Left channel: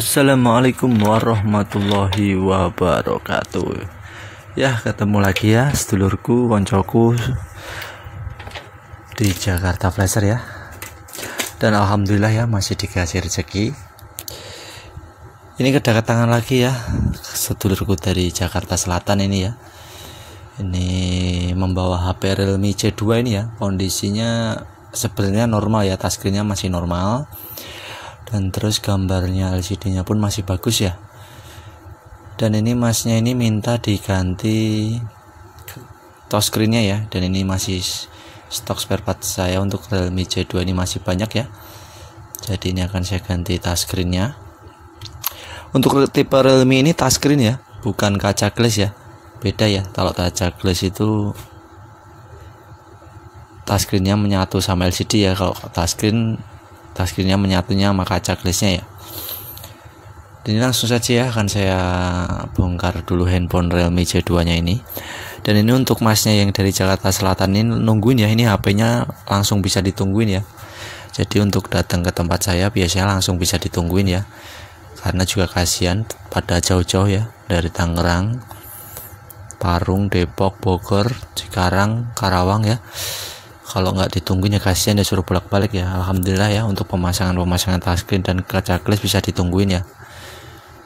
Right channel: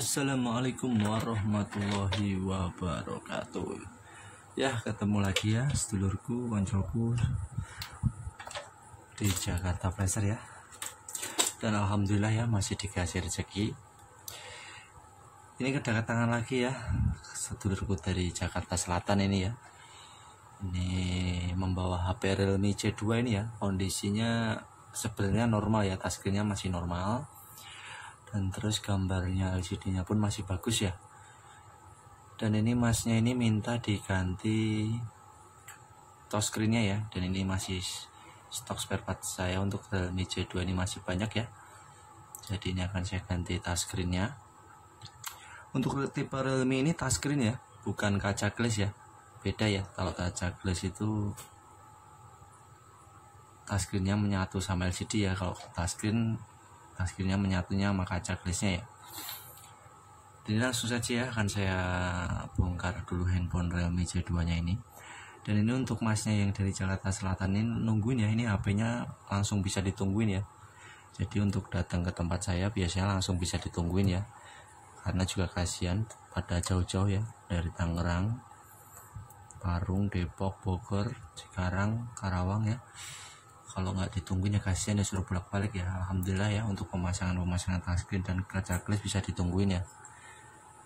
Assalamualaikum warahmatullahi wabarakatuh. Ya, ketemu lagi ya sedulurku, koncoku di Jakarta Flasher ya. Dan alhamdulillah ya masih dikasih rezeki. Ini kedatangan lagi ya sedulurku dari Jakarta Selatan ini ya. Ini membawa HP Realme C2 ini ya. Kondisinya sebenarnya normal ya, touchscreen-nya masih normal. Dan terus gambarnya LCD-nya pun masih bagus ya. Dan ini masnya ini minta diganti touchscreen-nya ya. Dan ini masih stok spare part saya untuk Realme C2 ini masih banyak ya. Jadi ini akan saya ganti touchscreen-nya. Untuk tipe Realme ini touchscreen ya, bukan kaca glass ya. Beda ya, kalau kaca glass itu touchscreen-nya menyatu sama LCD ya. Kalau touchscreen-nya menyatunya sama kaca glassnya ya. Dan ini langsung saja ya akan saya bongkar dulu handphone Realme C2 nya ini. Dan ini untuk masnya yang dari Jakarta Selatan ini nungguin ya, ini HP-nya langsung bisa ditungguin ya. Jadi untuk datang ke tempat saya biasanya langsung bisa ditungguin ya, karena juga kasihan pada jauh-jauh ya, dari Tangerang, Parung, Depok, Bogor, Cikarang, Karawang ya. Kalau nggak ditungguin ya kasihan, ya suruh bolak-balik ya. Alhamdulillah ya untuk pemasangan touchscreen dan kaca glass bisa ditungguin ya.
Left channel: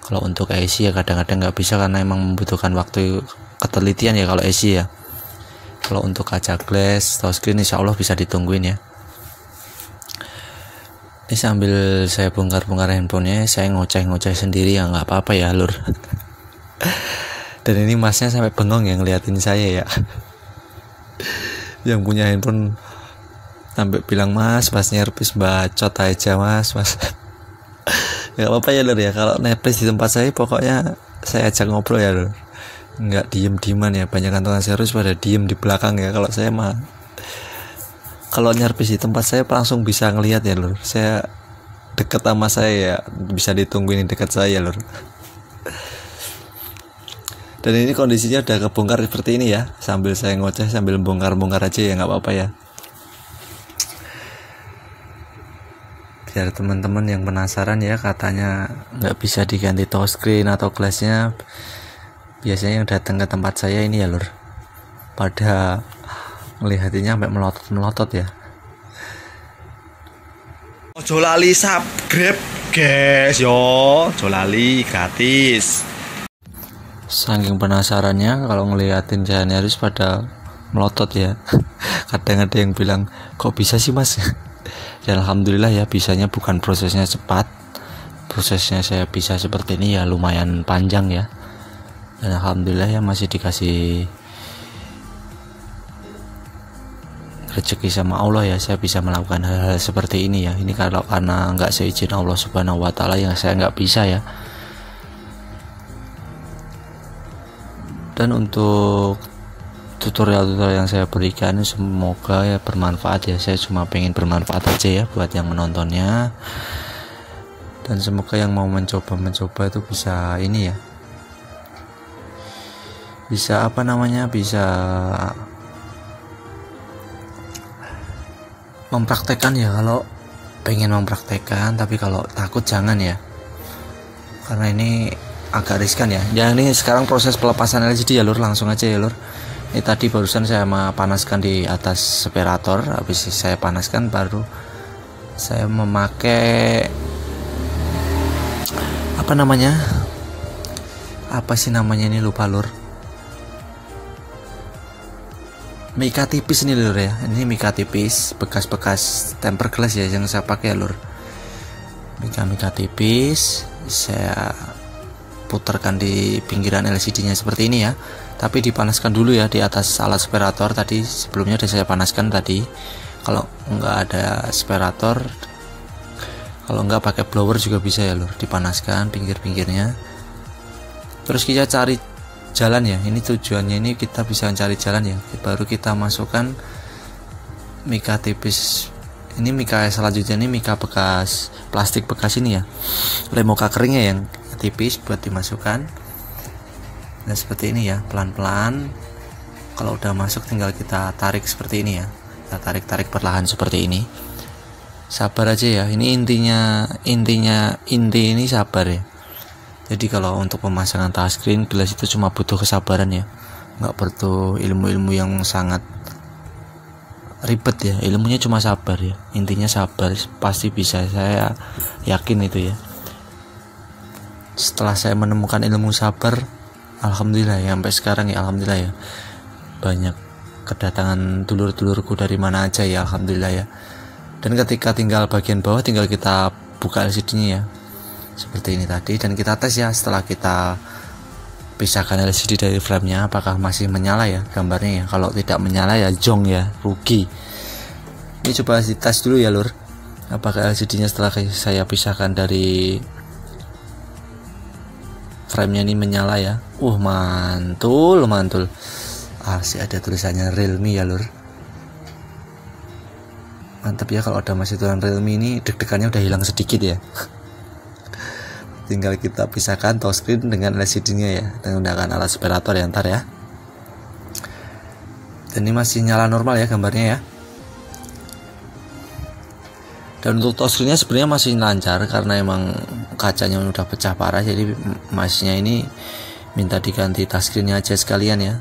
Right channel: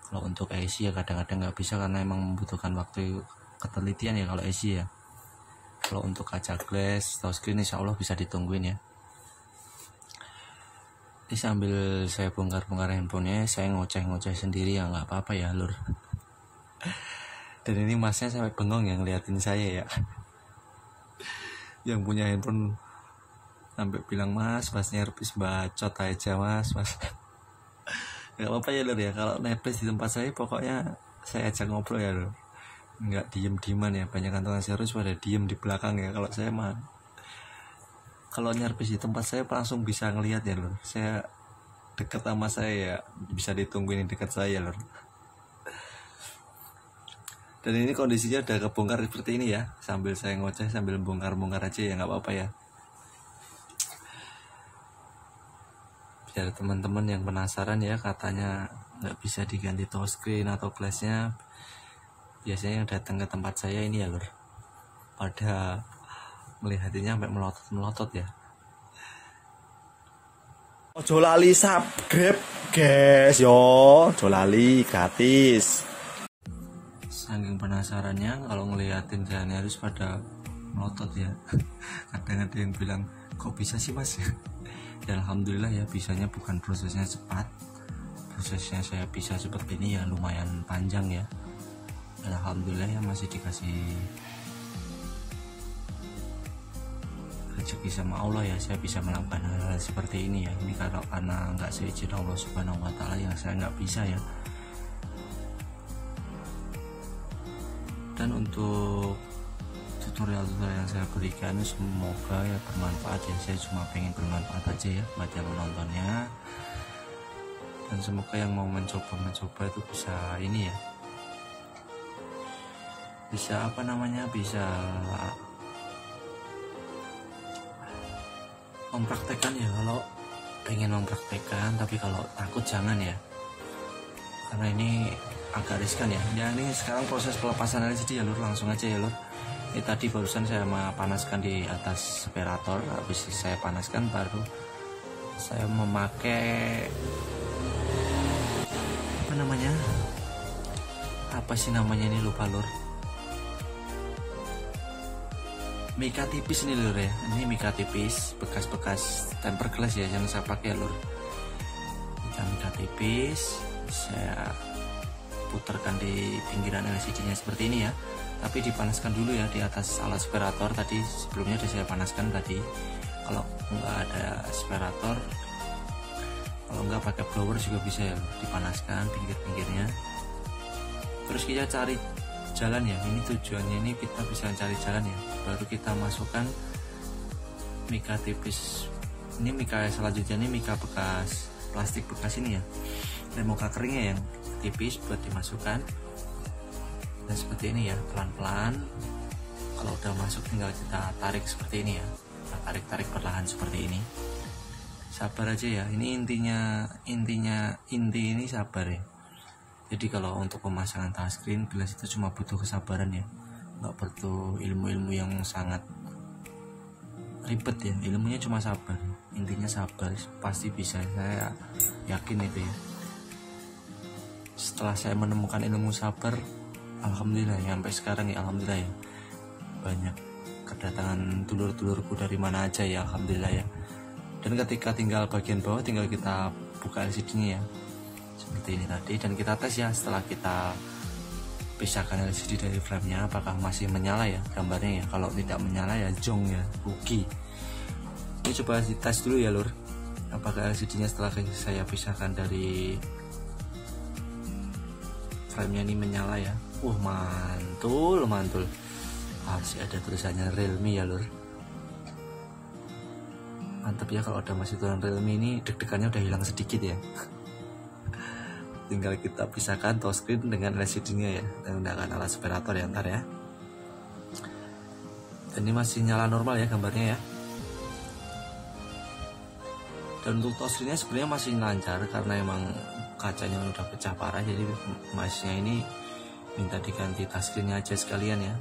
Kalau untuk AC ya kadang-kadang nggak bisa karena emang membutuhkan waktu ketelitian ya kalau AC ya. Kalau untuk kaca glass, touchscreen insya Allah bisa ditungguin ya. Ini sambil saya bongkar-bongkar handphonenya, saya ngoceh-ngoceh sendiri ya, nggak apa-apa ya lur. Dan ini masnya sampai bengong ya ngeliatin saya ya. Yang punya handphone sampai bilang mas nyerpis bacot aja mas. Gak apa-apa ya lur ya, kalau nepis di tempat saya pokoknya saya ajak ngobrol ya lur, nggak diem-dieman ya. Banyak tukang servis pada diem di belakang ya. Kalau saya mah kalau nyerpis di tempat saya langsung bisa ngelihat ya lur, saya deket sama saya ya, bisa ditungguin dekat saya lur. Dan ini kondisinya udah kebongkar seperti ini ya. Sambil saya ngoceh sambil bongkar-bongkar aja ya, nggak apa-apa ya. Biar teman-teman yang penasaran ya, katanya nggak bisa diganti touchscreen atau glassnya. Biasanya yang datang ke tempat saya ini ya lur, pada melihatnya sampai melotot-melotot ya. Ojo lali subscribe guys yo, ojo lali gratis. Saking penasarannya kalau ngeliatin jalannya harus pada melotot ya. Kadang ada yang bilang kok bisa sih mas. Dan alhamdulillah ya bisanya, bukan prosesnya cepat. Prosesnya saya bisa seperti ini ya lumayan panjang ya. Dan alhamdulillah ya masih dikasih rezeki sama Allah ya, saya bisa melakukan hal-hal seperti ini ya. Ini kalau karena nggak seizin Allah Subhanahu wa Ta'ala yang saya nggak bisa ya. Dan untuk tutorial-tutorial yang saya berikan semoga ya bermanfaat ya. Saya cuma pengen bermanfaat aja ya buat yang menontonnya. Dan semoga yang mau mencoba itu bisa ini ya, bisa bisa mempraktekkan ya. Kalau pengen mempraktekkan, tapi kalau takut jangan ya, karena ini agak riskan ya. Ya ini sekarang proses pelepasan LCD ya lur, langsung aja ya lur. Ini tadi barusan saya panaskan di atas separator, habis saya panaskan baru saya memakai apa sih namanya ini, lupa lur. Mika tipis ini lur ya. Ini mika tipis bekas-bekas tempered glass ya yang saya pakai ya lur. Mika tipis saya putarkan di pinggiran LCD-nya seperti ini ya. Tapi dipanaskan dulu ya di atas alat separator tadi. Sebelumnya sudah saya panaskan tadi. Kalau nggak ada separator, kalau nggak pakai blower juga bisa ya lur, dipanaskan pinggir-pinggirnya. Terus kita cari jalan ya. Ini tujuannya ini kita bisa cari jalan ya. Baru kita masukkan mika tipis. Ini mika selanjutnya, ini mika bekas plastik bekas ini ya. Lemoka keringnya yang tipis buat dimasukkan. Nah seperti ini ya, pelan-pelan. Kalau udah masuk tinggal kita tarik seperti ini ya. Kita tarik perlahan seperti ini. sabar aja ya. Ini inti ini sabar ya. Jadi kalau untuk pemasangan touchscreen gelas itu cuma butuh kesabaran ya, nggak perlu ilmu-ilmu yang sangat ribet ya. Ilmunya cuma sabar ya, intinya sabar, pasti bisa, saya yakin itu ya. Setelah saya menemukan ilmu sabar, alhamdulillah ya, sampai sekarang ya alhamdulillah ya, banyak kedatangan dulur-dulurku dari mana aja ya, alhamdulillah ya. Dan ketika tinggal bagian bawah, tinggal kita buka LCD-nya ya, seperti ini tadi, dan kita tes ya. Setelah kita pisahkan LCD dari frame-nya, apakah masih menyala ya gambarnya ya. Kalau tidak menyala ya jong ya, rugi. Ini coba dites dulu ya lur, apakah LCD-nya setelah saya pisahkan dari frame-nya ini menyala ya. Mantul. Sih ada tulisannya Realme ya lur. Mantap ya, kalau ada masih tulisan Realme ini deg-degannya udah hilang sedikit ya. Tinggal kita pisahkan touchscreen dengan LCD-nya ya, menggunakan alat separator ya ntar ya. Dan ini masih nyala normal ya gambarnya ya. Dan untuk touchscreen-nya sebenarnya masih lancar karena emang kacanya udah pecah parah, jadi masnya ini minta diganti touchscreen-nya aja sekalian ya.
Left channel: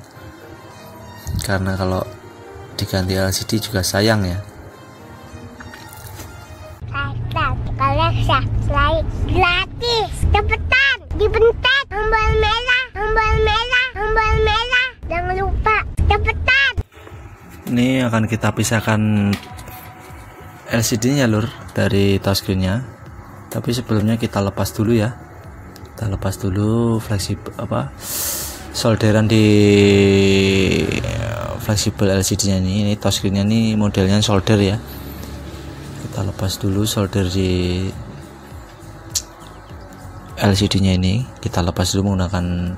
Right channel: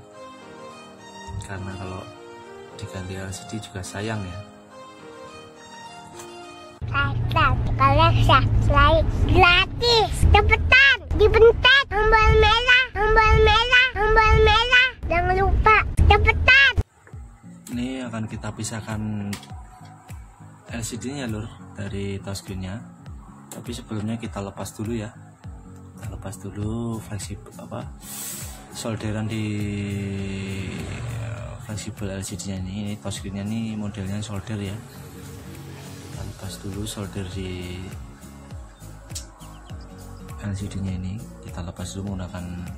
Karena kalau diganti LCD juga sayang ya. Kalian subscribe gratis, cepetan, dipencet tombol merah, jangan lupa, cepetan. Ini akan kita pisahkan LCD-nya lur dari touchscreen-nya. Tapi sebelumnya kita lepas dulu ya. Kita lepas dulu solderan di fleksibel LCD-nya ini. Ini touchscreen-nya ini modelnya solder ya. Kita lepas dulu solder di LCD-nya ini. Kita lepas dulu menggunakan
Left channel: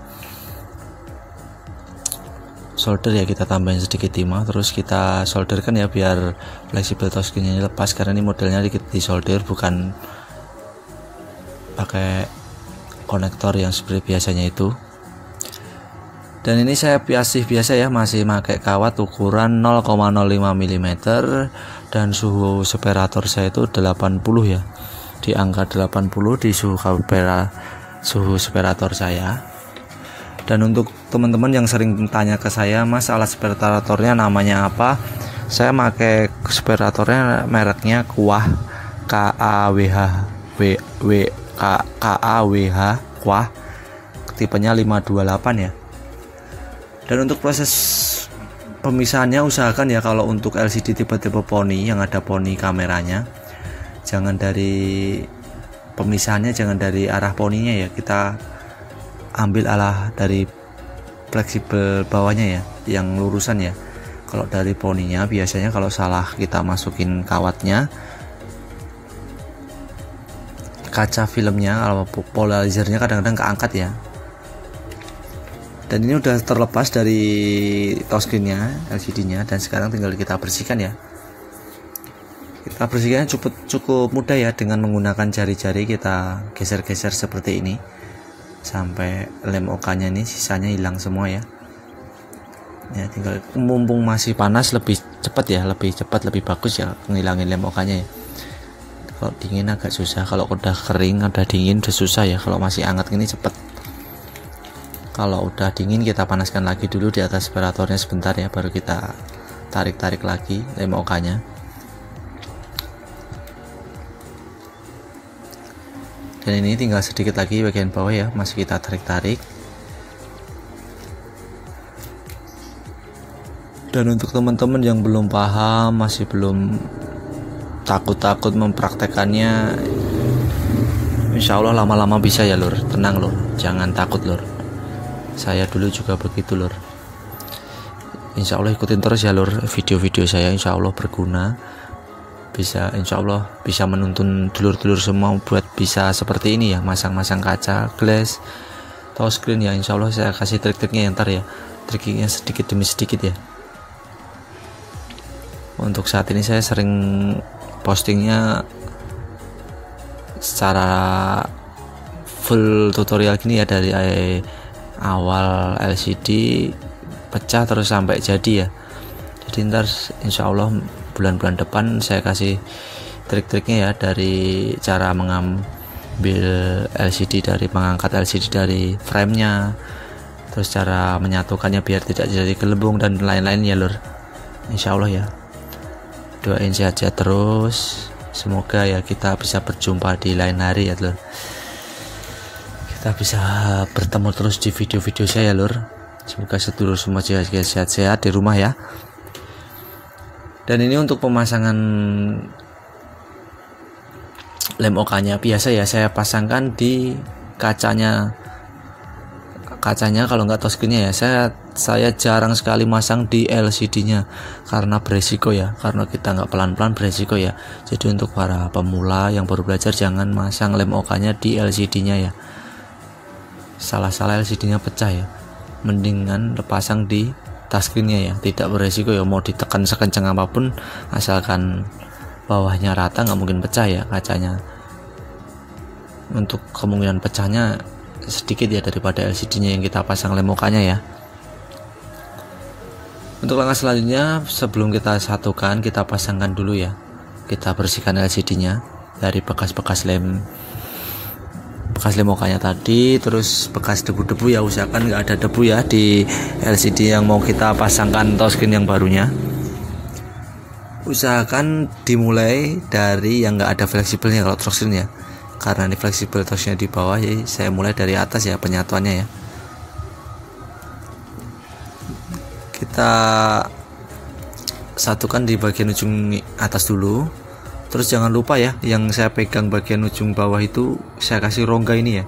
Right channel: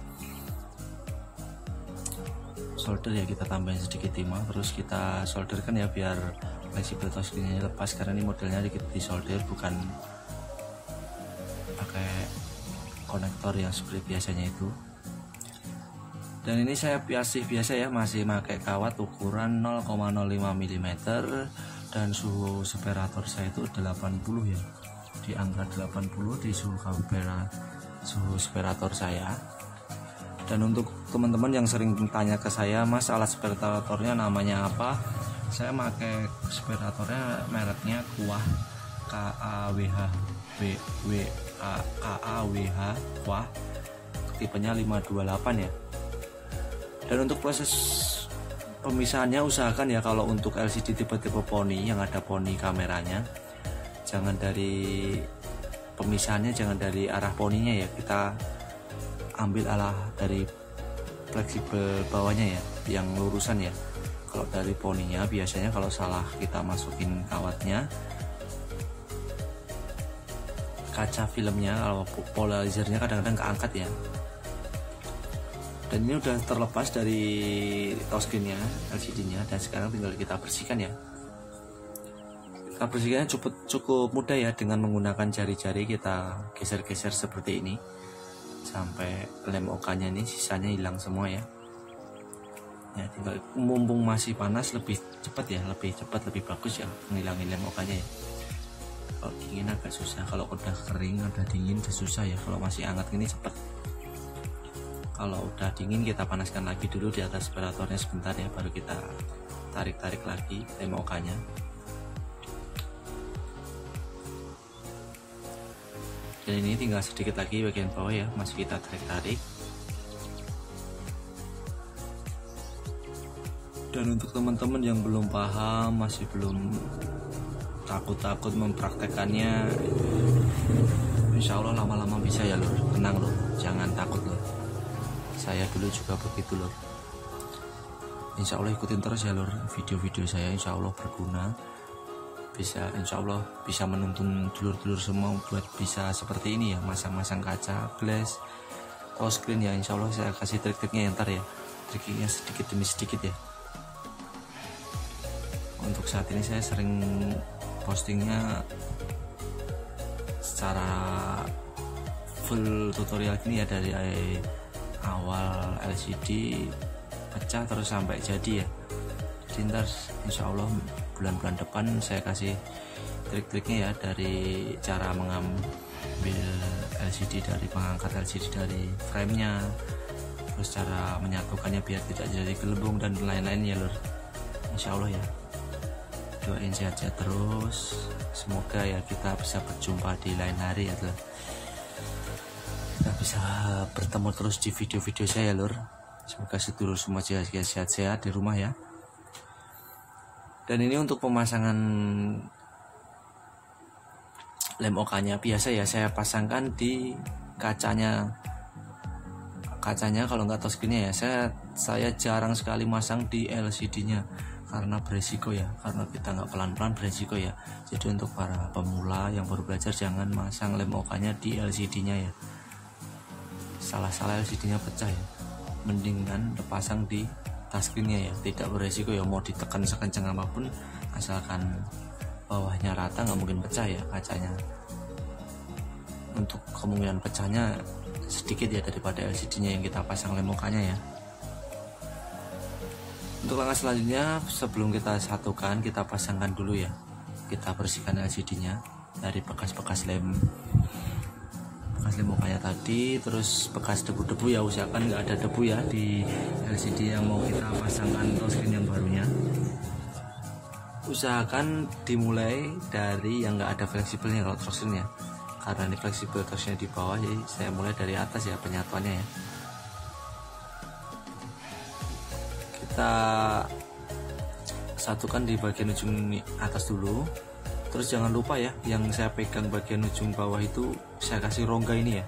solder ya, kita tambahin sedikit timah, terus kita solderkan ya biar fleksibel touchscreen-nya ini lepas, karena ini modelnya dikit di solder, bukan pakai konektor yang seperti biasanya itu. Dan ini saya biasa ya, masih pakai kawat ukuran 0,05 mm dan suhu separator saya itu 80 ya, di angka 80 di suhu separator saya. Dan untuk teman-teman yang sering tanya ke saya, Mas alat separatornya namanya apa, saya pakai separatornya mereknya Kuah, KAWH Kuah, tipenya 528 ya. Dan untuk proses pemisahannya usahakan ya, kalau untuk LCD tipe-tipe poni yang ada poni kameranya, jangan dari pemisahannya jangan dari arah poninya ya, kita ambil arah dari fleksibel bawahnya ya, yang lurusan ya. Kalau dari poninya biasanya kalau salah kita masukin kawatnya, kaca filmnya atau polarizernya kadang-kadang keangkat ya. Dan ini udah terlepas dari touchscreen-nya, LCD-nya, dan sekarang tinggal kita bersihkan ya. Kita bersihkannya cukup mudah ya, dengan menggunakan jari-jari kita geser-geser seperti ini sampai lem OK-nya ini sisanya hilang semua ya. Ya tinggal, mumpung masih panas lebih cepat ya, lebih cepat lebih bagus ya ngilangin lem OK-nya ya. Kalau dingin agak susah, kalau udah kering udah dingin udah susah ya. Kalau masih hangat ini cepet. Kalau udah dingin kita panaskan lagi dulu di atas separatornya sebentar ya, baru kita tarik-tarik lagi lem OK-nya. Dan ini tinggal sedikit lagi bagian bawah ya, masih kita tarik-tarik. Dan untuk teman-teman yang belum paham, masih belum takut-takut mempraktekannya, insya Allah lama-lama bisa ya lur. Tenang lur, jangan takut lur. Saya dulu juga begitu lur. Insya Allah ikutin terus ya lur video-video saya, insya Allah berguna. Insya Allah bisa menuntun dulur-dulur semua buat bisa seperti ini ya, masang-masang kaca, glass, touchscreen ya. Insya Allah saya kasih trik-triknya ntar ya, triknya sedikit demi sedikit ya. Untuk saat ini saya sering postingnya secara full tutorial gini ya, dari awal LCD pecah terus sampai jadi ya. Jadi ntar insya Allah bulan-bulan depan saya kasih trik-triknya ya, dari cara mengambil LCD dari mengangkat LCD dari framenya, terus cara menyatukannya biar tidak jadi gelembung dan lain-lain ya lur. Insya Allah ya, doain sehat-sehat terus, semoga ya kita bisa berjumpa di lain hari ya lur, kita bisa bertemu terus di video-video saya lur. Semoga sedulur semua sehat-sehat di rumah ya. Dan ini untuk pemasangan lem OK-nya biasa ya, saya pasangkan di kacanya kalau nggak touchscreen-nya ya. Saya jarang sekali masang di LCD-nya karena beresiko ya, karena kita nggak pelan-pelan beresiko ya. Jadi untuk para pemula yang baru belajar jangan masang lem OK-nya di LCD-nya ya, salah-salah LCD-nya pecah ya. Mendingan pasang di touchscreen-nya ya, tidak beresiko ya. Mau ditekan sekencang apapun asalkan bawahnya rata nggak mungkin pecah ya kacanya. Untuk kemungkinan pecahnya sedikit ya daripada LCD-nya yang kita pasang lem OK-nya ya. Untuk langkah selanjutnya, sebelum kita satukan, kita pasangkan dulu ya, kita bersihkan LCD-nya dari bekas-bekas lem OK-nya tadi, terus bekas debu-debu ya, usahakan nggak ada debu ya di LCD yang mau kita pasangkan touchscreen yang barunya. Usahakan dimulai dari yang nggak ada fleksibelnya kalau touchscreen ya, karena ini fleksibel touchnya di bawah, jadi saya mulai dari atas ya penyatuannya ya. Kita satukan di bagian ujung atas dulu, terus jangan lupa ya, yang saya pegang bagian ujung bawah itu saya kasih rongga ini ya,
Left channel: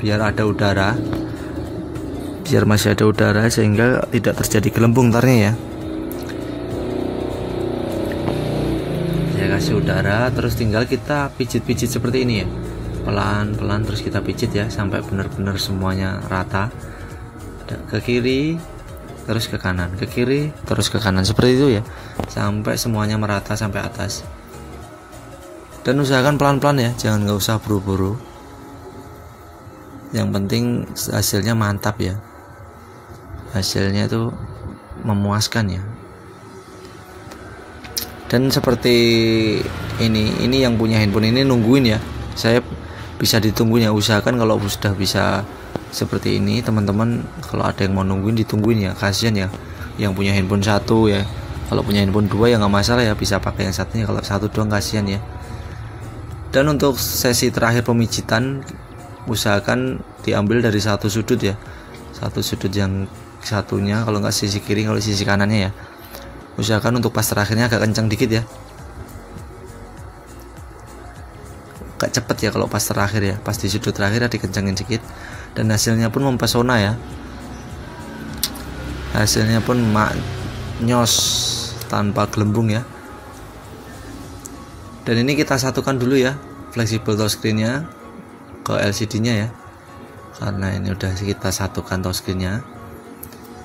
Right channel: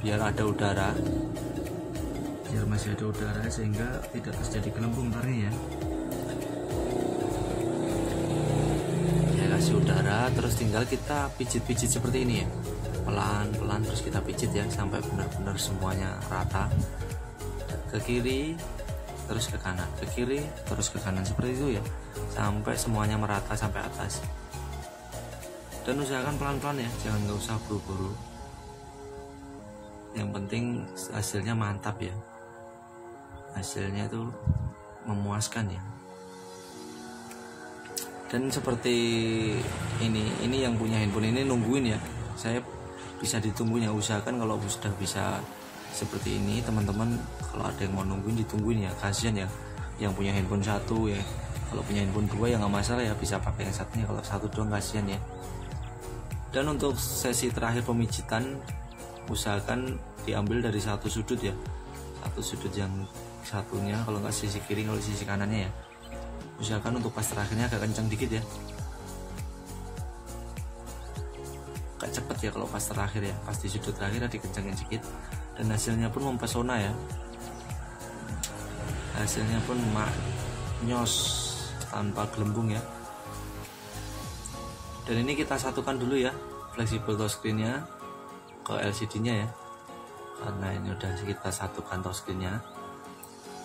biar ada udara, biar masih ada udara sehingga tidak terjadi gelembung ntarnya ya. Saya kasih udara, terus tinggal kita pijit-pijit seperti ini ya, pelan-pelan, terus kita pijit ya sampai benar-benar semuanya rata, ke kiri terus ke kanan, ke kiri terus ke kanan, seperti itu ya, sampai semuanya merata sampai atas. Dan usahakan pelan-pelan ya, jangan nggak usah buru-buru, yang penting hasilnya mantap ya, hasilnya itu memuaskan ya. Dan seperti ini yang punya handphone ini nungguin ya, saya bisa ditungguin ya. Usahakan kalau sudah bisa seperti ini teman-teman, kalau ada yang mau nungguin ditungguin ya, kasihan ya yang punya handphone satu ya. Kalau punya handphone dua ya nggak masalah ya, bisa pakai yang satunya, kalau satu doang kasihan ya. Dan untuk sesi terakhir pemijitan, usahakan diambil dari satu sudut ya, satu sudut yang satunya, kalau nggak sisi kiri, kalau sisi kanannya ya. Usahakan untuk pas terakhirnya agak kencang dikit ya, agak cepet ya kalau pas terakhir ya, pas di sudut terakhir dikencangin sedikit, dan hasilnya pun mempesona ya, hasilnya pun maknyos tanpa gelembung ya. Dan ini kita satukan dulu ya fleksibel touchscreen-nya ke LCD-nya ya, karena ini udah kita satukan touchscreen-nya.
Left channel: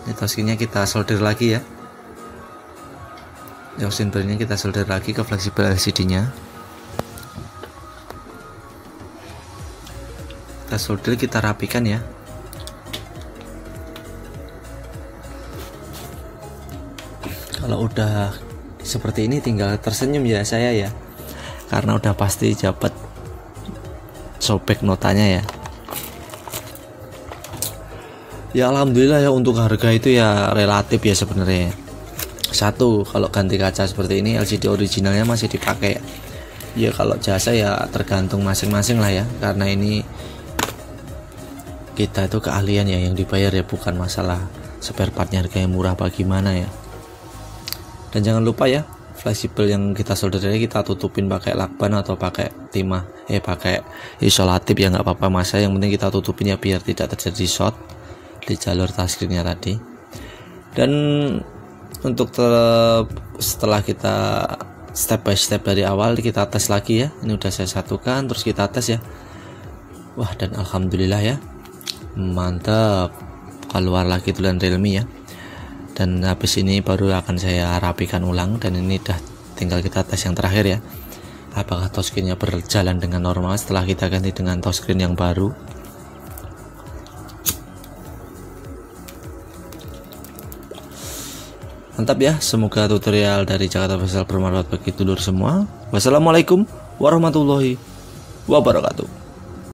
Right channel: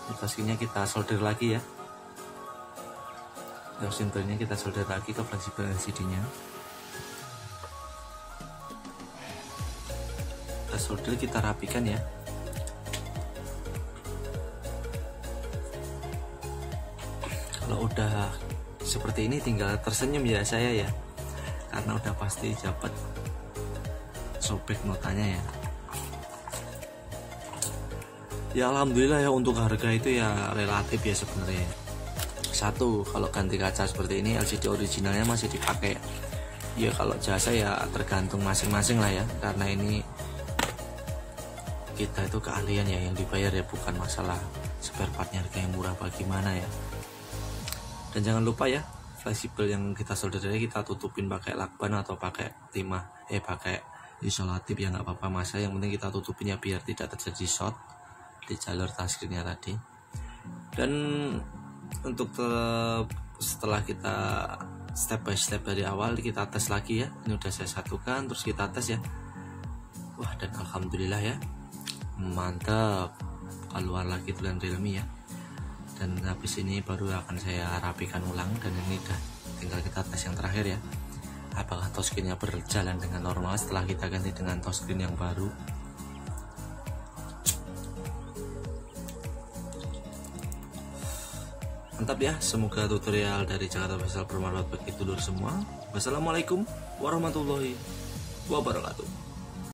Ini touchscreen-nya kita solder lagi ya, yang simbolnya kita solder lagi ke fleksibel LCD-nya. Kita solder, kita rapikan ya. Kalau udah seperti ini tinggal tersenyum ya saya ya, karena udah pasti dapat sobek notanya ya. Ya alhamdulillah ya, untuk harga itu ya relatif ya sebenarnya. Satu, kalau ganti kaca seperti ini LCD originalnya masih dipakai ya. Kalau jasa ya tergantung masing-masing lah ya, karena ini kita itu keahlian ya yang dibayar ya, bukan masalah spare partnya harganya murah apa gimana ya. Dan jangan lupa ya, fleksibel yang kita solder tadi kita tutupin pakai lakban atau pakai timah, pakai isolatif ya, nggak apa-apa masa, yang penting kita tutupin ya biar tidak terjadi short di jalur touchscreen-nya tadi. Dan untuk setelah kita step by step dari awal, kita tes lagi ya. Ini udah saya satukan, terus kita tes ya. Wah, dan alhamdulillah ya, mantap, keluar lagi tulisan Realme ya. Dan habis ini baru akan saya rapikan ulang, dan ini udah tinggal kita tes yang terakhir ya, apakah touchscreen-nya berjalan dengan normal setelah kita ganti dengan touchscreen yang baru. Mantap ya, semoga tutorial dari Jakarta Official bermanfaat bagi dulur semua. Wassalamualaikum warahmatullahi wabarakatuh.